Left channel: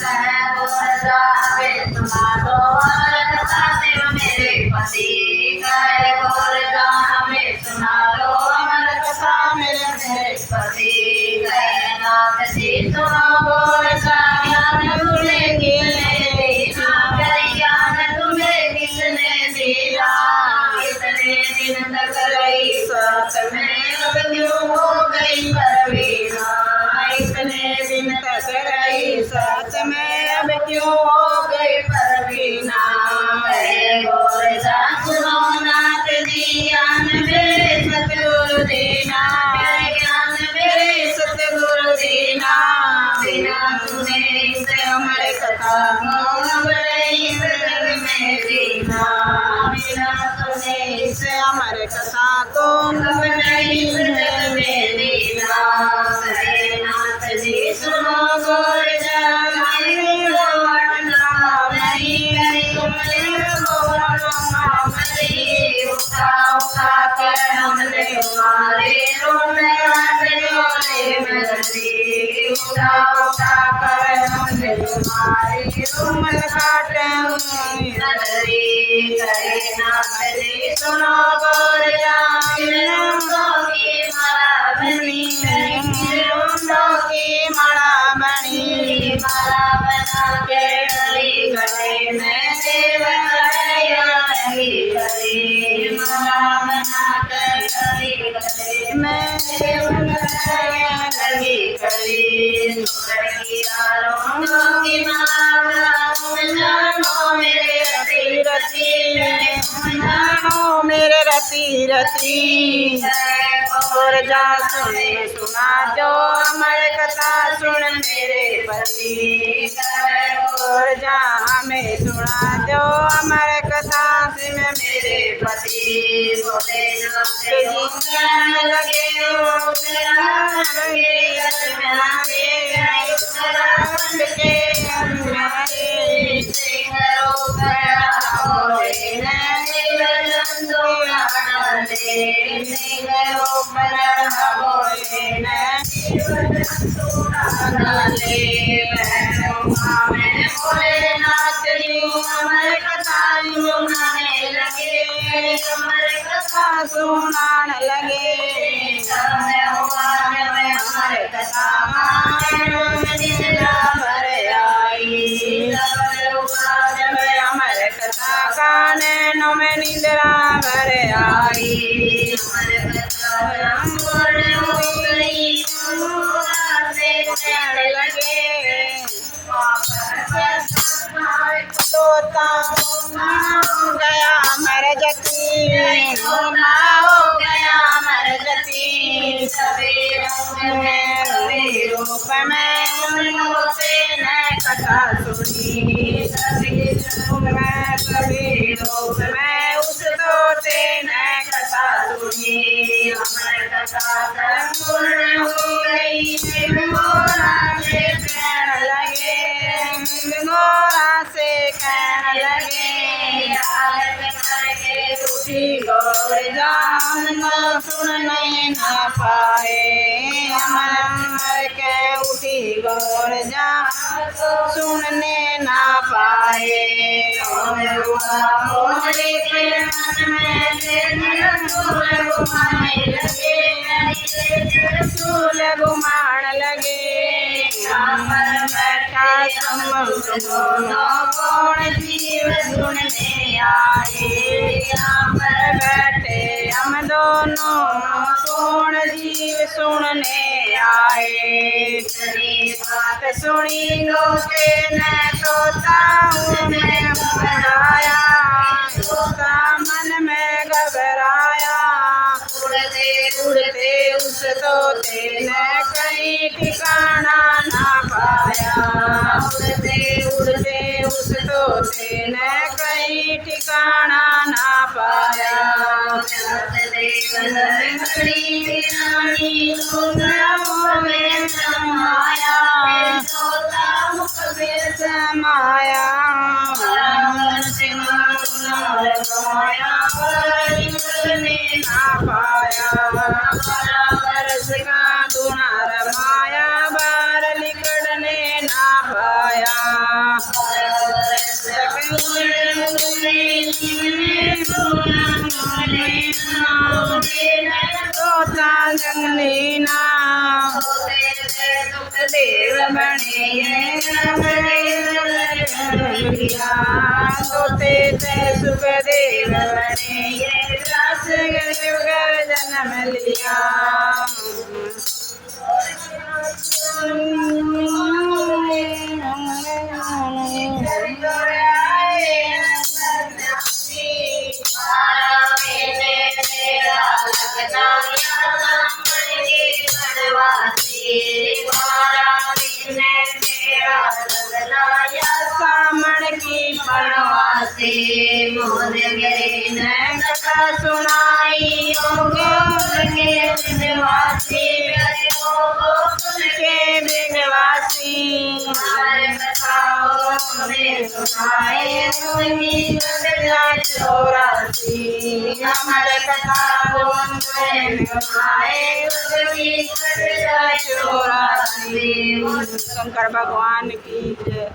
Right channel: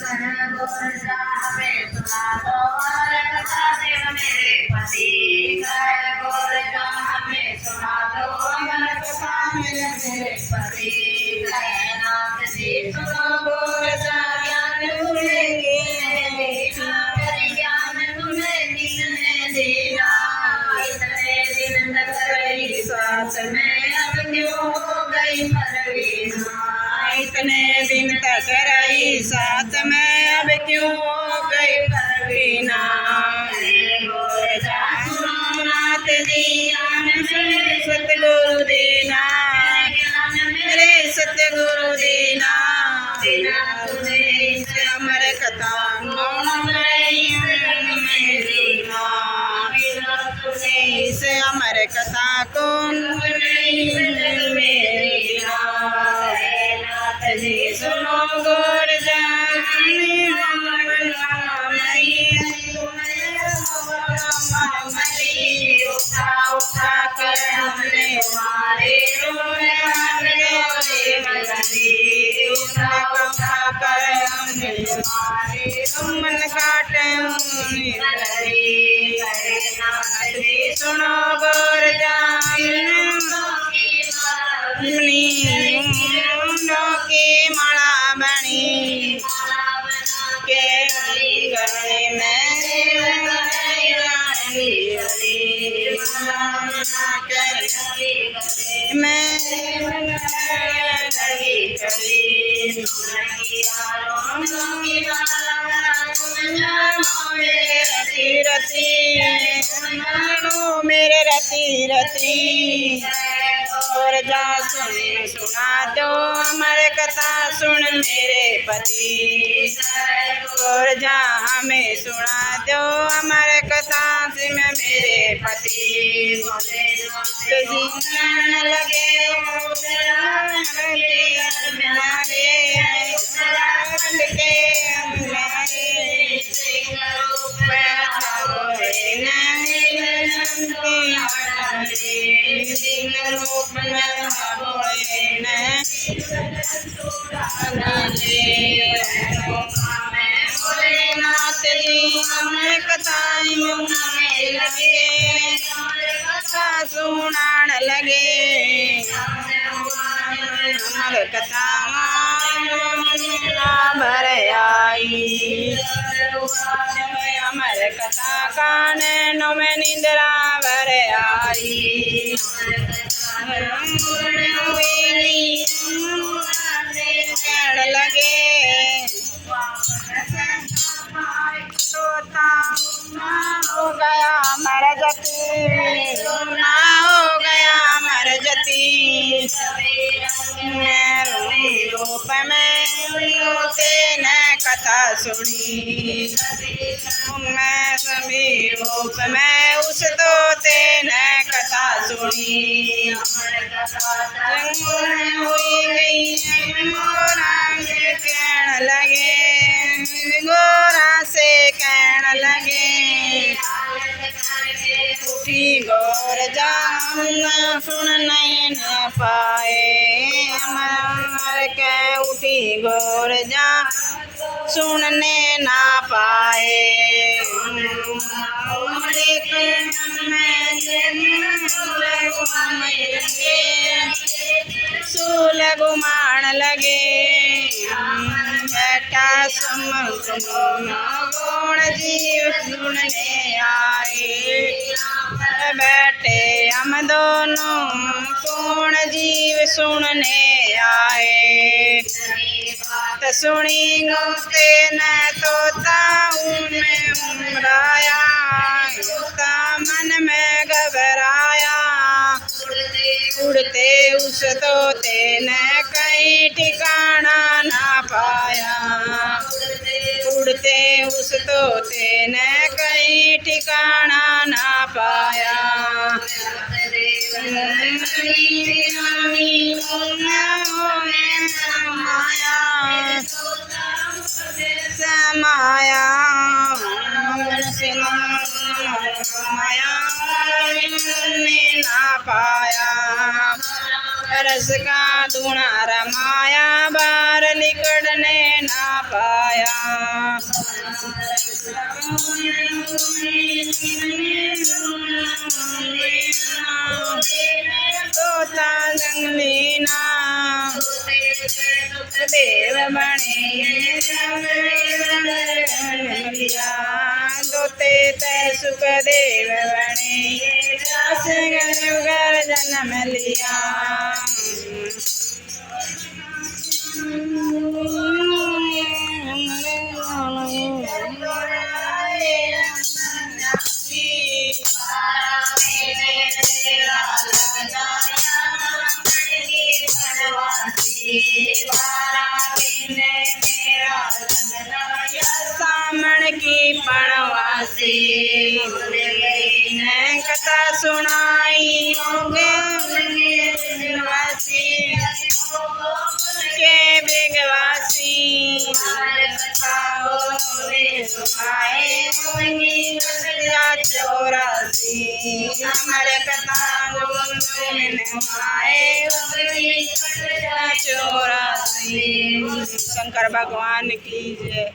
कह बोल जावे सुना दो अमर कथा शिव मेरे पति कह बोल जावे सुना दो अमर कथा मेरे पति कह नाथ जी सुनो बोल जा ज्ञान सुनेगी ज्ञान तुम्हें किसने दिया इतने दिन तक रही साथ में अब क्यों हो गई परवीना इतने दिन तक रही साथ में अब क्यों हो गई परवीना बोल जा सुनो नाथ जी ज्ञान मेरे सतगुरु दीना ज्ञान मेरे सतगुरु दीना बिना सुने इस अमर कथा को में जीना बिना सुने इस अमर कथा को नहीं में जीना नाथ जी सुनो बोल जा उठा कर हमने हमारे उठा कर हमने हमारे मन काटे नाथ जी सुनो बोल की माला बनी माला बना के हरी गए मेरे माला बना कर हरी गए मेरे हरी गली की माला जानो मेरे रति रति जानो मेरे रति रति और जा सुने सुना दो अमर कथा सुन मेरे पति और जा हमें सुना दो अमर कथा सुन मेरे पति बोले लगे भोलेनाथ जी अमर कथा सुनान लगे अमर कथा भर आई अमर कथा कानों में निद्रा भर आई लगे तोता हो गया मर जती हो गया मर जती रूप में न कथा सुनी मैं सभी रूप में उस तोते न कथा सुनी हुई गई गोरा से कहने लगे गोरा से कहने लगे उठी गौर जाऊंगा सुनने न पाए अमर के उठी गौर जा सुनने न पाए सूल घुमान लगे बैठा कौन जीव सुनने आए बैठे हम दोनों कौन जीव सुनने आए बात सुनी गोते न तोता में मुराया तोता मन में घबराया उड़ते उस तोते ने कहीं ठिकाना ना पाया उड़ते उस तोते ने कहीं ठिकाना ना पाया समाया ना पाया रस का धुना रमाया बार निकलने ना जंगली नाम सुखदेव बने तोते ते सुखदेव बने रस कर जन्म लिया सामण की पड़वासी कथा सुनाई के मृगवासी चौरासी हमारे कथा चौरासी शंकर भगवान की जय।